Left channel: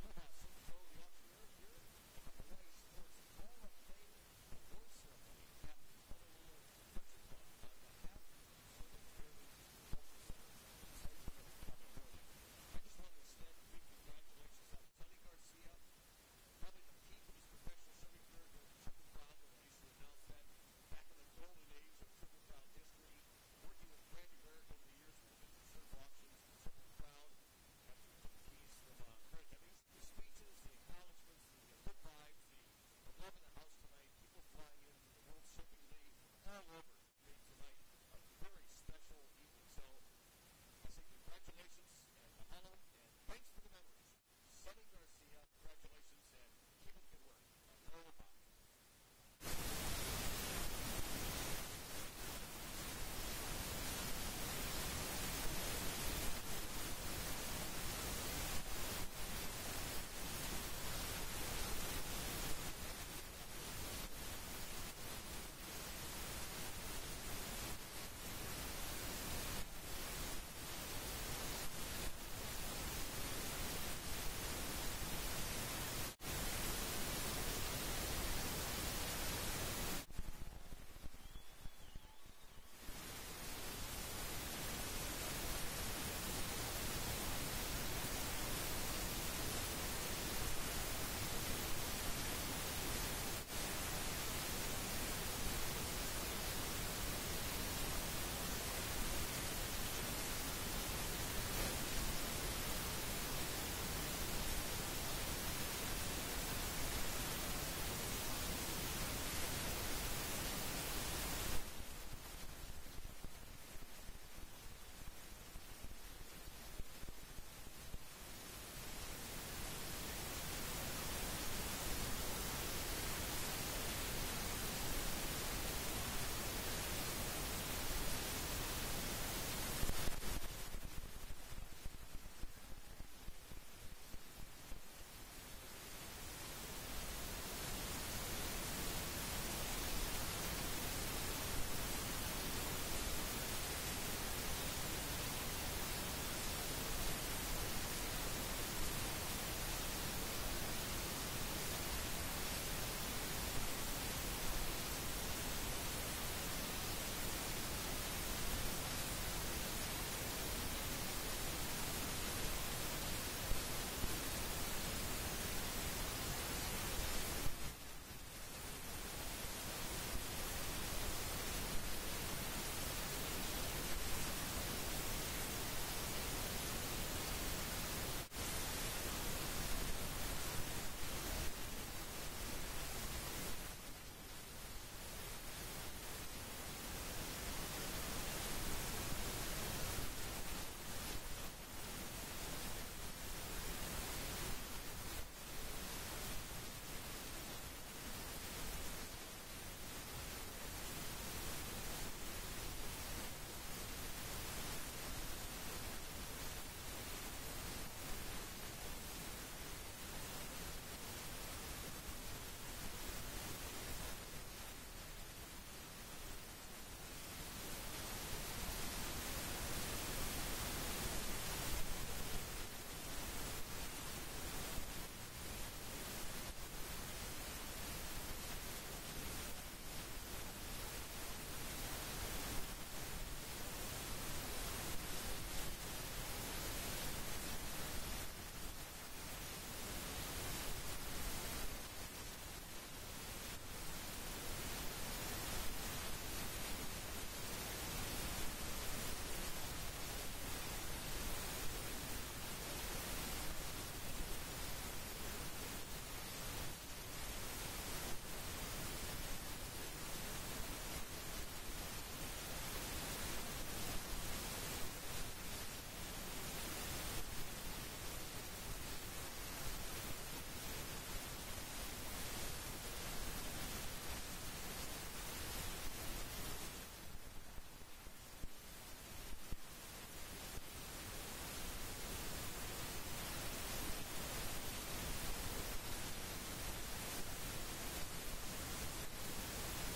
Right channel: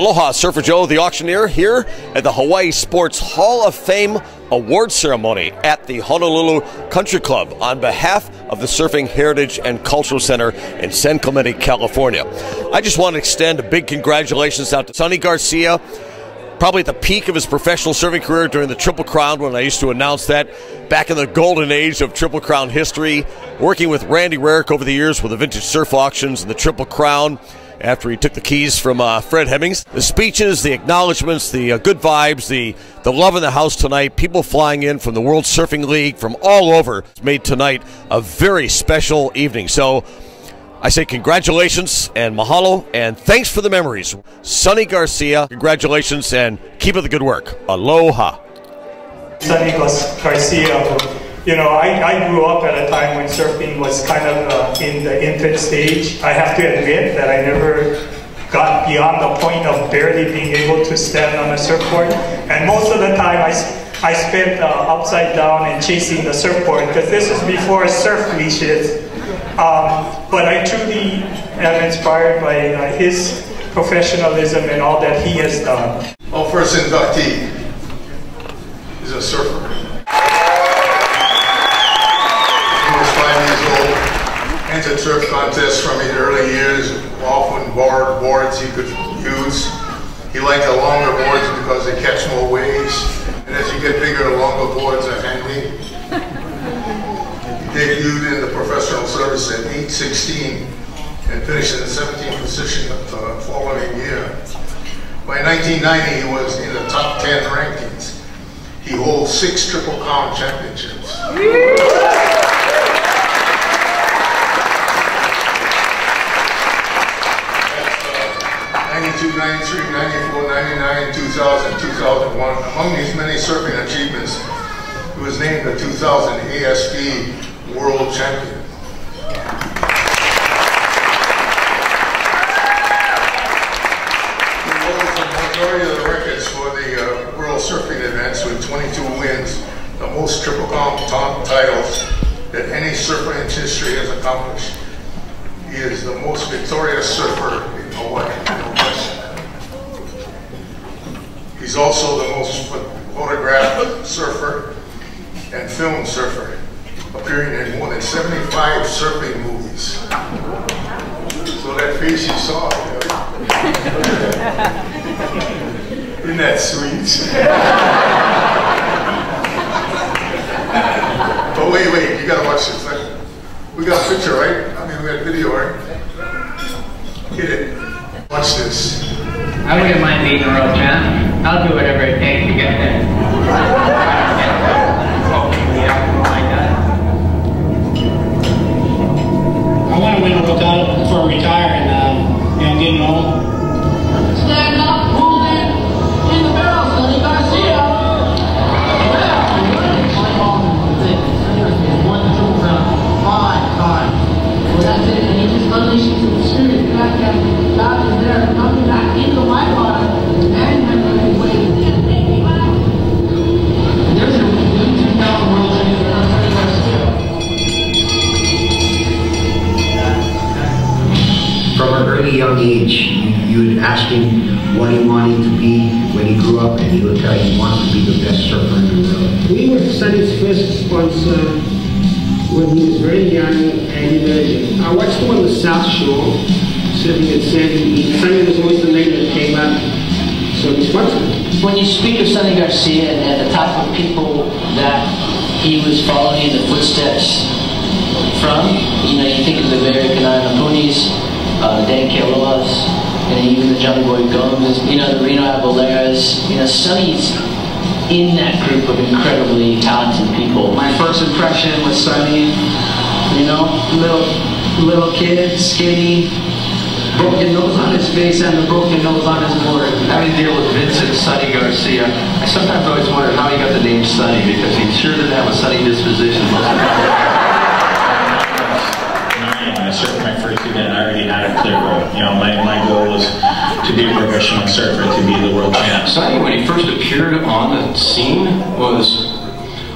Aloha, Surfer Joe, the auctioneer, here at the Hawaii Sports Hall of Fame award ceremony at the Honolulu Country Club on behalf of the Surfing Heritage and Cultural Center in San Clemente, California. I just want to extend a big congratulations out to Sonny Garcia, probably at the peak of his professional surfing career during the Triple Crown, when I used to announce that back in the golden age of Triple Crown history, working with Randy Rarick over the years with the vintage surf auctions and the Triple Crown, after he took the keys from Fred Hemmings. The speeches, the acknowledgments, the good vibes, the love in the house tonight, people flying in from the World Surfing League, from all over, made tonight a very special evening. So I say congratulations and mahalo and thanks for the memories. Sonny Garcia, congratulations and keep up the good work. Aloha. Sonny Garcia. You know, I grew up at a time when surfing was kind of in the infant stage. I have to admit that I never got beyond the point of barely being able to stand on a surfboard. And most of the time I spent upside down and chasing the surfboard, because this is before surf leashes. But I truly am inspired by his professionalism and all that he has done. Our first inductee is a surfer. Entered surf contests from his early years, often borrowed boards he could use. He liked the longer boards because they catch more waves, and as you get bigger, the longer boards are handy. He debuted in the professional service at 8:16 and finished in the 17th position the following year. By 1990, he was in the top 10 rankings. He holds 6 Triple Crown championships. 92, 93, 94, 99, 2000, 2001. Among these many surfing achievements, he was named the 2000 ASB World Champion. He holds the majority of the records for the World Surfing events with 22 wins, the most Triple Crown titles that any surfer in history has accomplished. He is the most victorious surfer in Hawaii. He's also the most photographed surfer and film surfer, appearing in more than 75 surfing movies. So that face you saw, isn't that sweet? But wait, you gotta watch this. We got a picture, right? I mean, we got video, right? Hit it. Watch this. I wouldn't mind being a world champ. I'll do whatever it takes to get there. I want to win a world title before I retire and, I'm getting old. Stand up, hold it in the barrel, Sonny Garcia. Won the Triple Crown 5 times. Well, that's it. And he just unleashed some serious backgammon. God is there, coming back into the white water and having a way. There's a new 2000 world champion, Sonny Garcia. From an early young age, you would ask him what he wanted to be when he grew up, and he would tell you he wanted to be the best surfer in the world. We were Sonny's first sponsor when he was very young, and I watched him on the South Shore, surfing at Sandy. Sonny was always the name that came up, so we sponsored him. When you speak of Sonny Garcia and the type of people that he was following in the footsteps from, you think of the Barry Kanai-Napunis, Dan Kealoha's, and even the Johnny Boy Gomes, the Reno Aguileras. Sonny's in that group of incredibly talented people. My first impression was Sonny, little kid, skinny, broken nose on his face and a broken nose on his board. Having to deal with Vincent Sonny Garcia, I sometimes always wondered how he got the name Sonny, because he sure didn't have a sunny disposition. I surfed my first event, I already had a clear goal. My goal was to be a professional surfer, to be the world champ. Sonny, when he first appeared on the scene,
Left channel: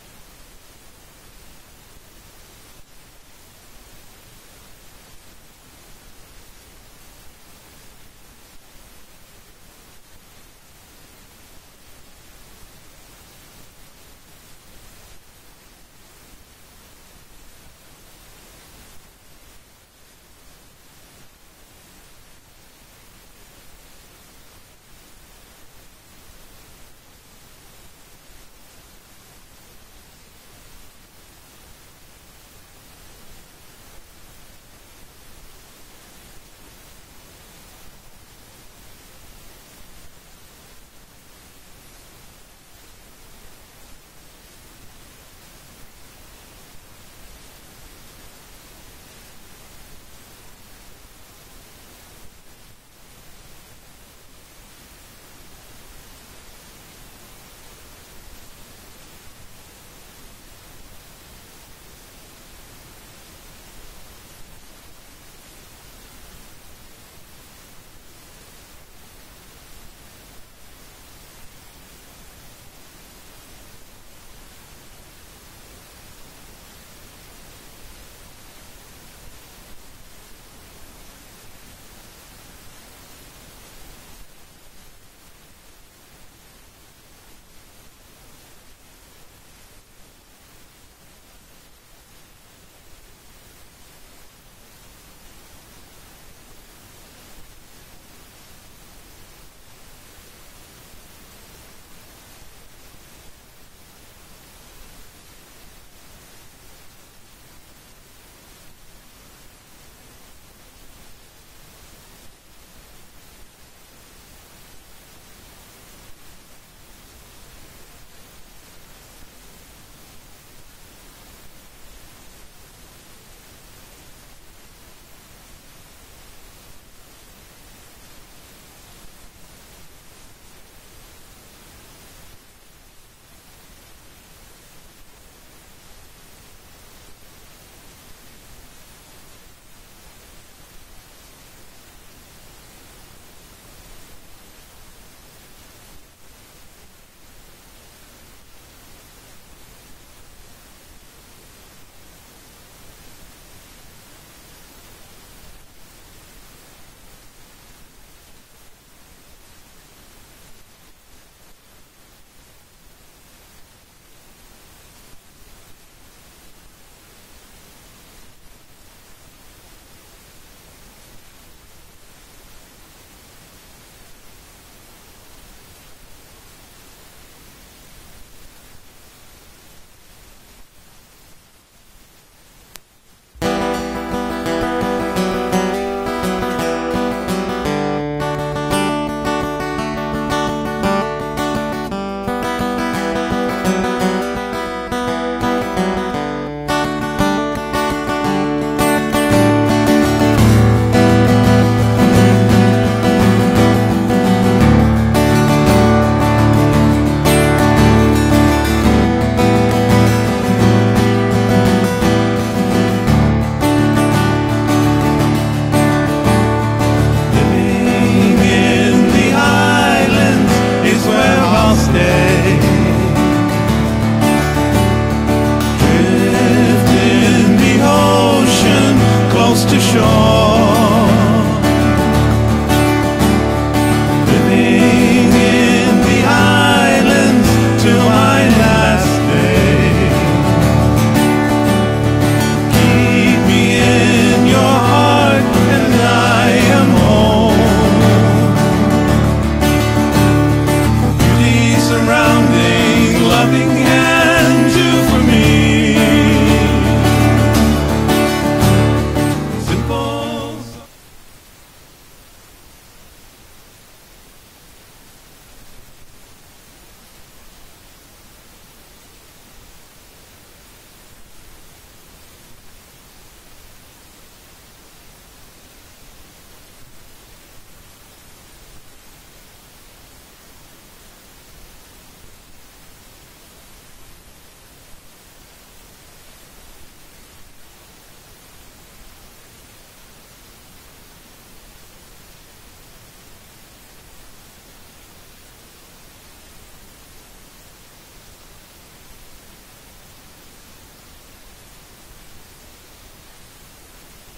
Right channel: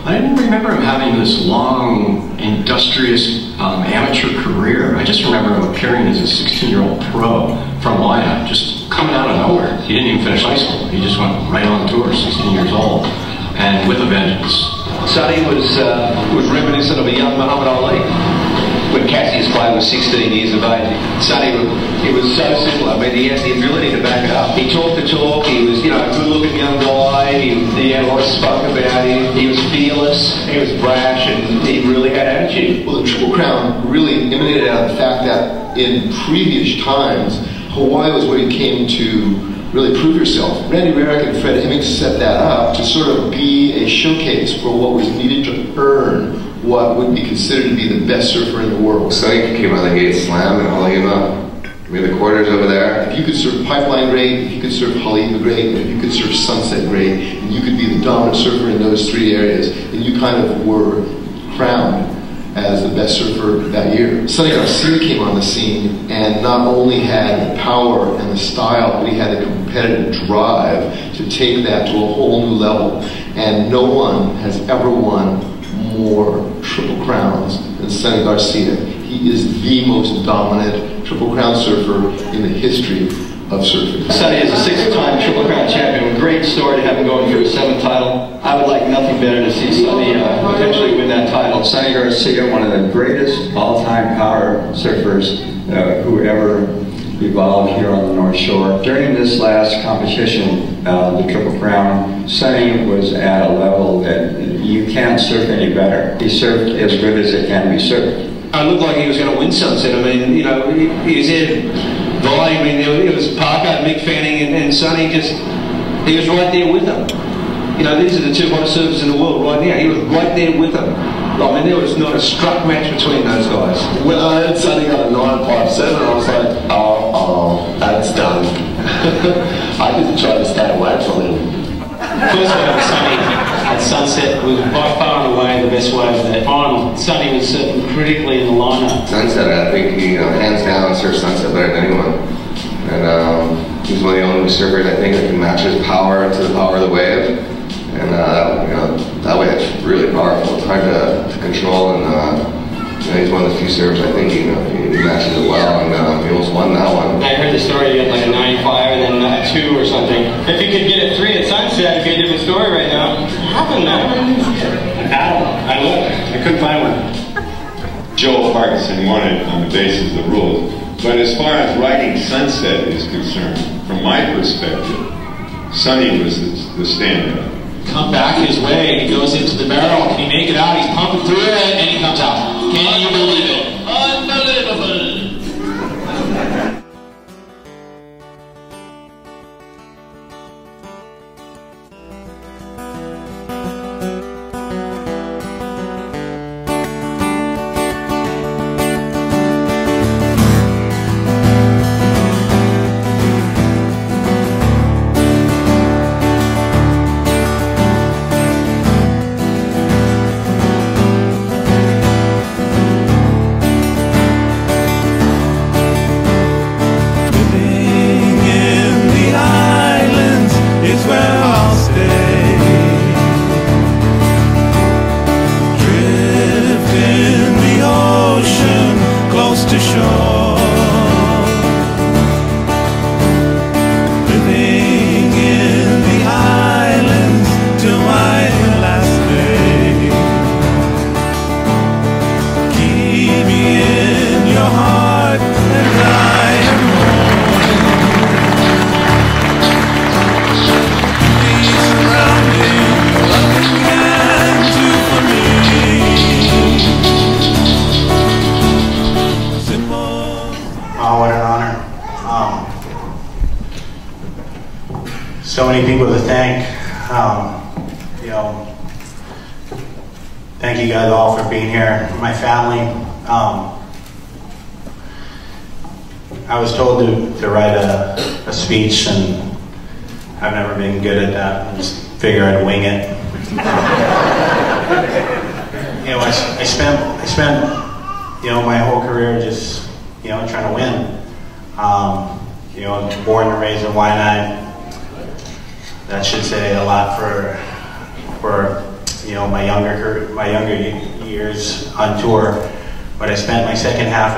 I didn't remember him having this long, industrious amateur career. I just remember him appearing as a 16-year-old pro from Hawaii, just coming out of nowhere. He didn't even finish high school. He just went right on tour, 16 years old, and with a vengeance. Sonny was reminiscent of a young Muhammad Ali. When Cassius Clay was 16 years of age, Sonny, it was so simple. I mean, he had the ability to back it up. He talked the talk. He was, a good-looking young guy. He had a lot of spunk about him. He was fearless. He was brash, and he really had attitude. Well, the Triple Crown really emanated out of the fact that in previous times, Hawaii was where you came to really prove yourself. Randy Rarick and Fred Hemmings set that up to sort of be a showcase for what was needed to earn what would be considered to be the best surfer in the world. Sonny came out of the gate slam and Haleiwa. We had the quarters over there. If you could surf Pipeline great, if you could surf Haleiwa great, and if you could surf Sunset great, and you could be the dominant surfer in those three areas, then you kind of were crowned as the best surfer that year. Sonny Garcia came on the scene and not only had the power and the style, but he had the competitive drive to take that to a whole new level. And no one has ever won more Triple Crowns than Sonny Garcia. He is the most dominant Triple Crown surfer in the history of surfing. Sonny is a six-time Triple Crown champion. Great story to have him going for his 7th title. I would like nothing better to see Sonny potentially win that title. Sonny Garcia, one of the greatest all-time power surfers who ever evolved here on the North Shore. During this last competition, the Triple Crown, Sonny was at a level that you can't surf any better. He surfed as good as it can be surfed. I looked like he was going to win Sunset. I mean, he was in volume. I mean, it was Parker, Mick Fanning, and Sonny he was right there with them. These are the two hottest surfers in the world right now. He was right there with them. I mean, there was not a struck match between those guys. When I heard Sonny got a 9.57, I was like, oh, that's done. I didn't try to stay away from him. First wave of Sonny at Sunset was by far and away the best wave of that final. Sonny was surfing critically in the lineup. Sunset, I think he, hands down, surfs Sunset better than anyone. And he's one of the only surfers, I think, that can match his power to the power of the wave. And that wave's really powerful. It's hard to control, and he's one of the few surfers I think he matches it well, and he almost won that one. I heard the story you had like a 9.5 and then a 2 or something. If you could get a 3 at Sunset, it'd be a different story right now. What happened, man? I looked. I couldn't find one. Joe Parkinson won it on the basis of the rules. But as far as riding Sunset is concerned, from my perspective, Sonny was the standout. Come back his way, he goes into the barrel. Can he make it out? He's pumping through it, and he comes out. Can you believe it? Unbelievable. Where I'll stay. Drift in the ocean, close to shore. Living in the islands till my last day. Keep me in your heart, and I am surrounding, loving hands do for me. Simple. Oh, what an honor. So many people to thank. Thank you guys all for being here. My family. I was told to write a speech, and I've never been good at that. I just figure I'd wing it. I spent my whole career just trying to win. Born and raised in Waianae. That should say a lot for my younger years on tour. But I spent my second half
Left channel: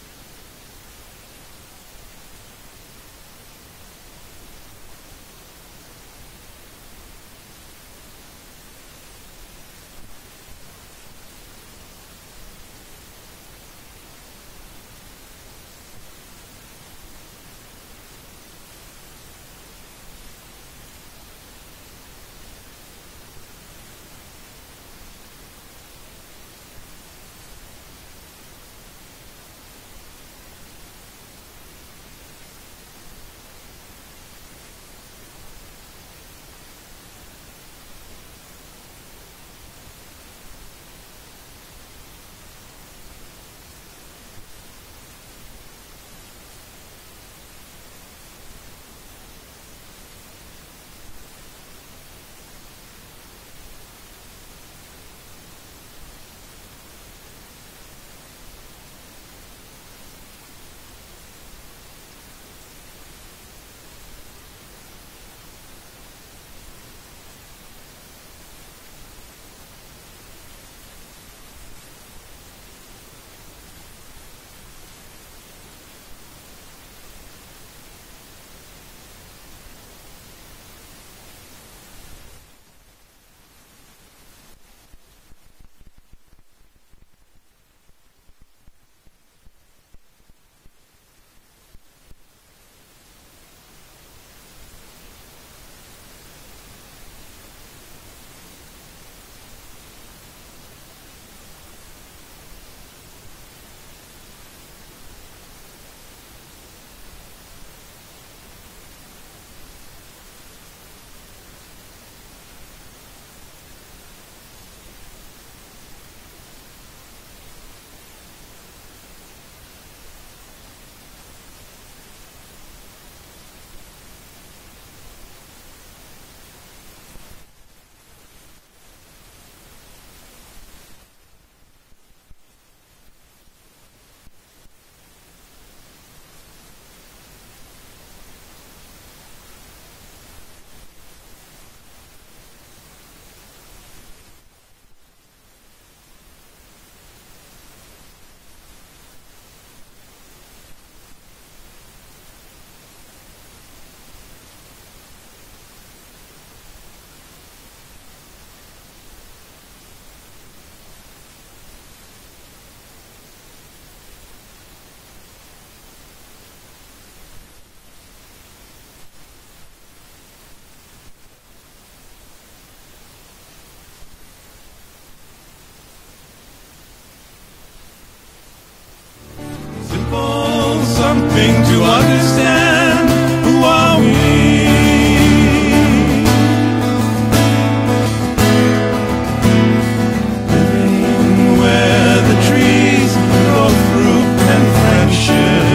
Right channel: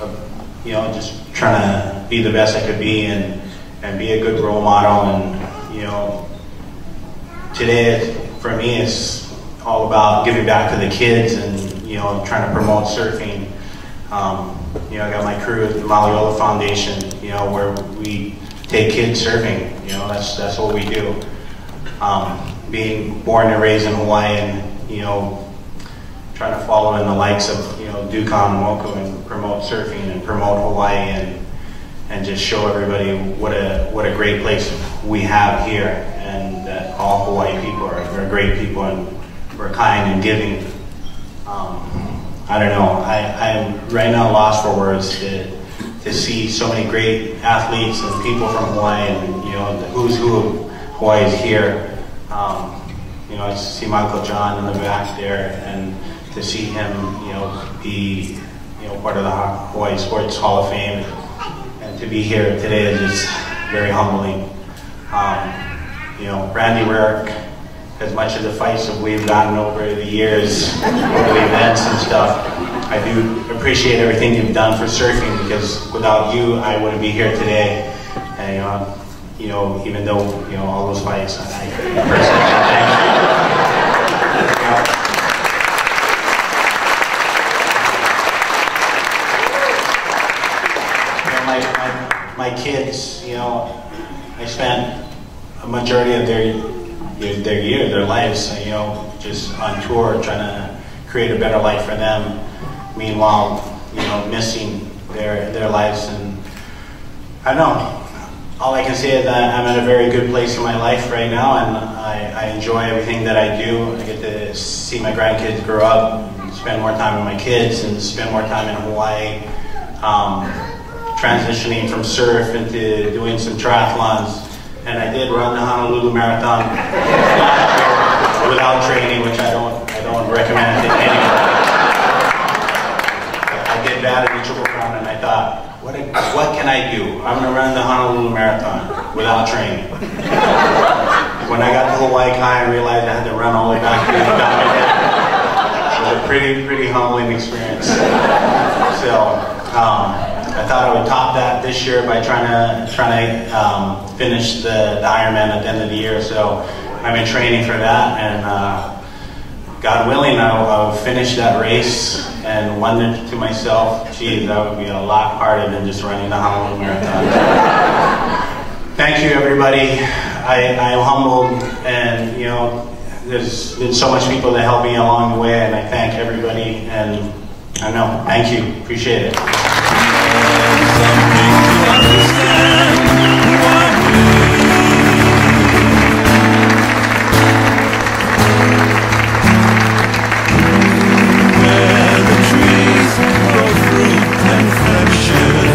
of just trying to be the best I could be, and and be a good role model. And you know, today for me it's all about giving back to the kids and you know, trying to promote surfing. You know, I got my crew at the Maliola Foundation, you know, where we take kids surfing. You know, that's what we do. Being born and raised in Hawaii, and you know, trying to follow in the likes of you know Dukan and Moku and promote surfing and promote Hawaii and just show everybody what a great place we have here, and that all Hawaii people are great people and we're kind and giving. I don't know. I'm right now lost for words to see so many great athletes and people from Hawaii, and you know the who's who of Hawaii is here. You know, I see my Uncle John in the back there, and to see him, you know, be you know part of the Hawaii Sports Hall of Fame, and to be here today is just very humbling. You know, Randy Rarick, as much of the fights that we've gotten over the years, over the events and stuff, I do appreciate everything you've done for surfing, because without you, I wouldn't be here today. And you know, even though you know all those fights, I personally thank you. My kids, you know, I spent a majority of their lives, you know, just on tour trying to create a better life for them. Meanwhile, you know, missing their lives, and I don't know. All I can say is that I'm at a very good place in my life right now, and I enjoy everything that I do. I get to see my grandkids grow up, and spend more time with my kids, and spend more time in Hawaii. Transitioning from surf into doing some triathlons, and I did run the Honolulu Marathon without training, which I don't recommend to anyone. I did bad in the Triple Crown, and I thought, what can I do? I'm going to run the Honolulu Marathon without training. When I got to Hawaii Kai, I realized I had to run all the way back to the top. It was a pretty humbling experience. So. I thought I would top that this year by trying to finish the Ironman at the end of the year. So I'm in training for that, and God willing, I'll finish that race and wondered to myself, geez, that would be a lot harder than just running the Honolulu Marathon. Thank you, everybody. I'm humbled, and you know, there's been so much people that helped me along the way, and I thank everybody. And I know, thank you, appreciate it. Something to understand, who are we? Where the trees grow fruit and friendship,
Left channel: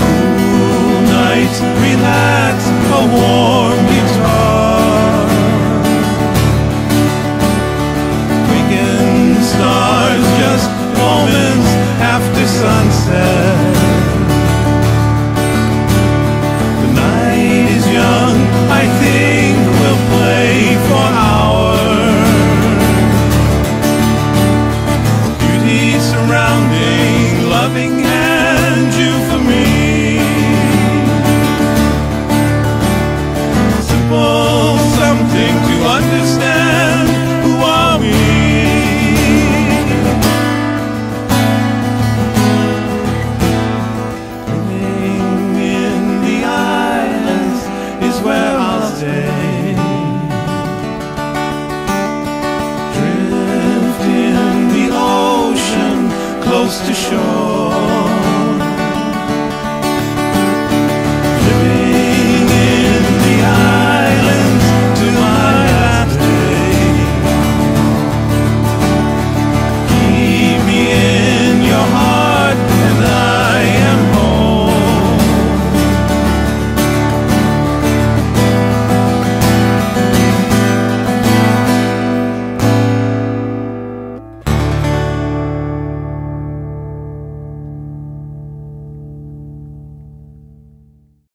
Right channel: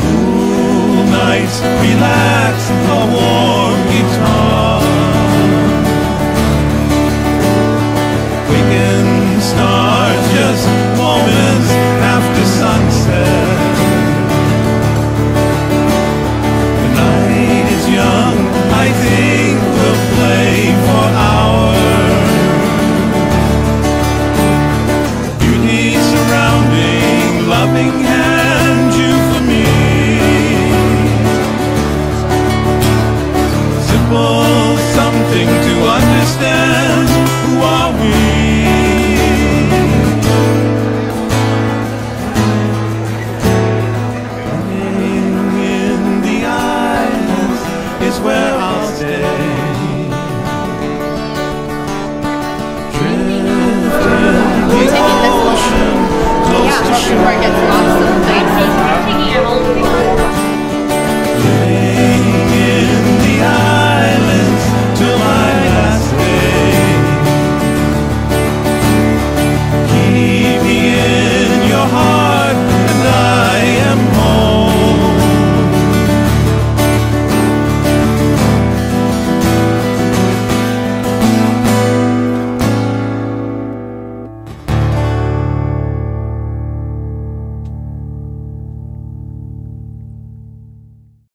cool nights, relax, a warm guitar, waking stars, just moments after sunset. The night is young, I think we'll play for hours. Beauty surrounding, loving hand, you for me. Simple something to understand, who are we? Is where I'll stay. Drift in the ocean, close to shore.